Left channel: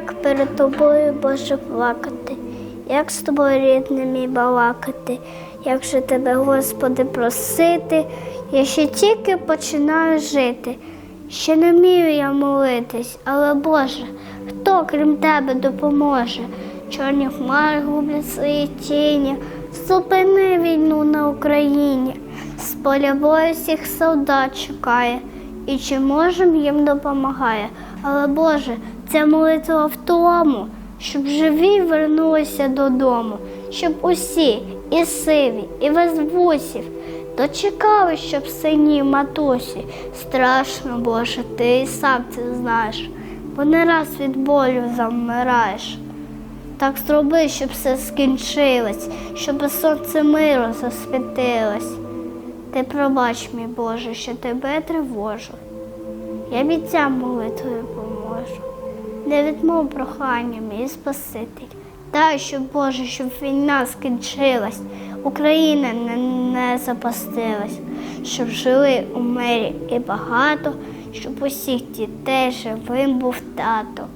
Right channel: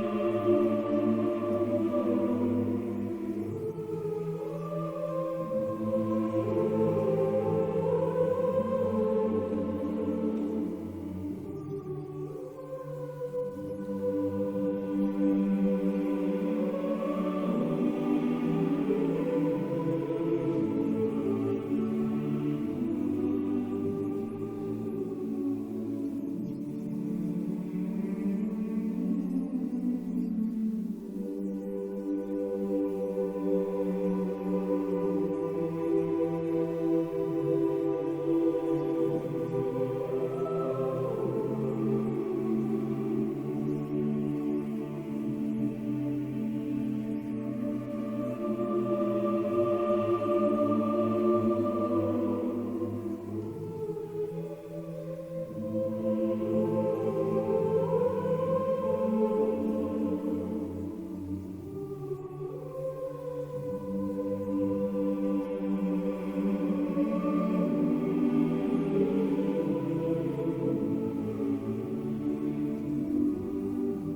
як перед тобою, Боже, плакати, як з тобою рідними балакати, як же тебе, Господи, просити, я ще тільки починаю жити. Ще не вмію я молитись, але Боже, хто крім тебе допоможе? Чорні хмари гублять свої тіні, зупини війну на Україні, з поля бою всіх солдат чекає, і чи можем їм допомагає. Але Боже, ця молитва в тому, щоб живі вернулися додому, щоб усі, і сиві, і без вусів, дочекали, щоб сині матусі. Страшно, Боже, ти і сам це знаєш, бо не раз від болю замираєш. Так зроби, щоб все скінчилось, щоб сонце миру засвітилось. Ти пробач, мій Боже, що тебе тривожу. Я бійцям молитвою поможу. Не відмов прохання, мій Спаситель. Дай, щоб Боже, щоб війна скінчилась, Україна не, не запастилась, щоб жили у мирі і багато, щоб усіх дітей живим був тато.